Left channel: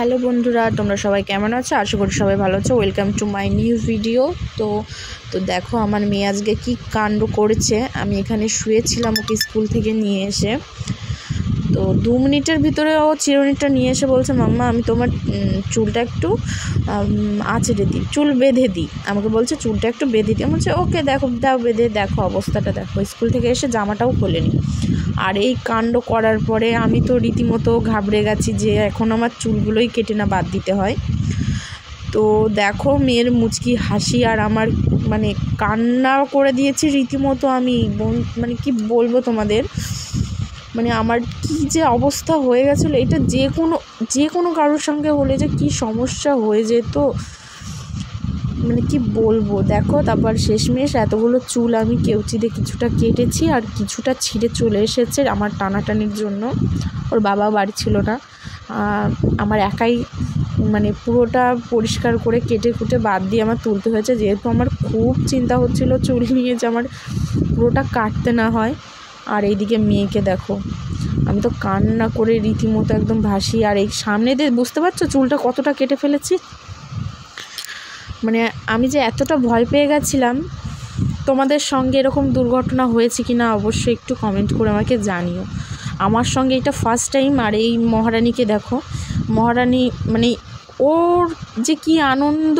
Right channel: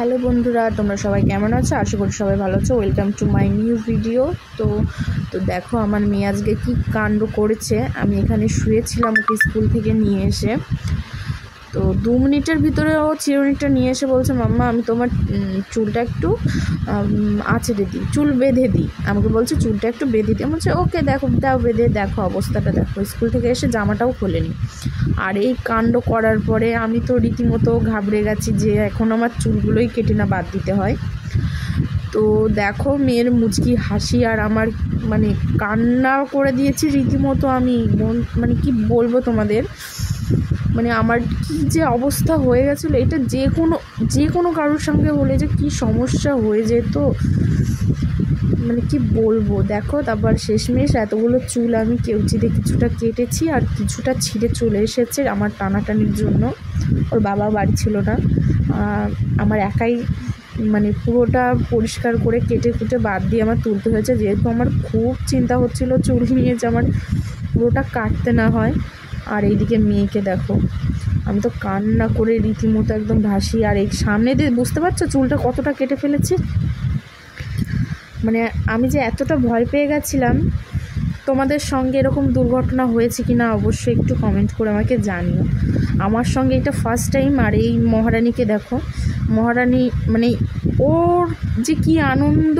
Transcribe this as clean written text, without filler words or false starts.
Hello বন্ধুরা, তোমরা সবাই কেমন আছো? আশা করি সবাই ভালো আছো। Welcome to my new video. তো দেখো আমার মেয়ে আজকে কী কাণ্ড করেছে। আমি এখানে শুয়েছিলাম, ওকে স্কুল থেকে নিয়ে এসে তো 2 মিনিটের ভিতরে ও চিরুনিটা নিয়ে এসে বলছে, মাম্মা আমি তোমার চুলটা একটু আঁচড়ে দিই, চুল বেঁধে দিই। আমাকে বলছে চুলটা একটু বেঁধে দিই। আমি বলছি ওকে, দেখো দাও বেঁধে, দেখো অবস্থাটা দেখো। স্কুল থেকে এসে জামাটাও খোলেনি। আর এই কাণ্ড করার পরে আমি তো রীতিমতো ঘাবড়ে গেছি যে এখন আমার চুলগুলোই কেটে না বাদ দিতে হয়। তো দেখো মেয়ের মুচকি হাসি আর আমার মানে কান্না করে দিয়েছি রীতিমতো। আমি মানে কি বলবো তোমাদের, মানে আমার কি যে অবস্থা হয়ে গেছিলো। এটা যে কোনো কারোর সঙ্গে হলে যে কি সমস্যা হয়ে যেত, মানে কি বলবো। দেখো তারপর শেষমেশ এতগুলো চুল আমি কেউচিতে কিছুটা কেটেছি আর কিছুটা ছিঁড়ে চলে এসেছে আমার টানাটানির জন্য। ওর বাবা বাড়ি ছিল না, আমার একাই মানে পুরোটা পরিষ্কার করে কেটে কুটে বাদ দিয়ে আমার তুলতে হয়েছে, যেহেতু আমার খুব চিন্তা হচ্ছিল চুল নিয়ে যে আমার পুরোটা কাটতে না হয়। আর এইদিকে মেয়েকে দেখো, আমি তো কান্না করে রীতিমতো একদম ভাসি। আর এই সামনে দিয়ে বুঝতে পারছো চুলটা কতটা কেটে ফেলেছি। মানে আমি যে এতটা ভয় পেয়ে গেছিলাম। তোমাদের সঙ্গে এরকম দুর্ঘটনা হয়েছে কি না অবশ্যই একটু কমেন্ট করে আমাকে জানিও। আমার সঙ্গে এটা ফার্স্ট টাইম। আর এই মহারানীকে দেখো, মহারানী মানে ওর যে কি আনন্দ,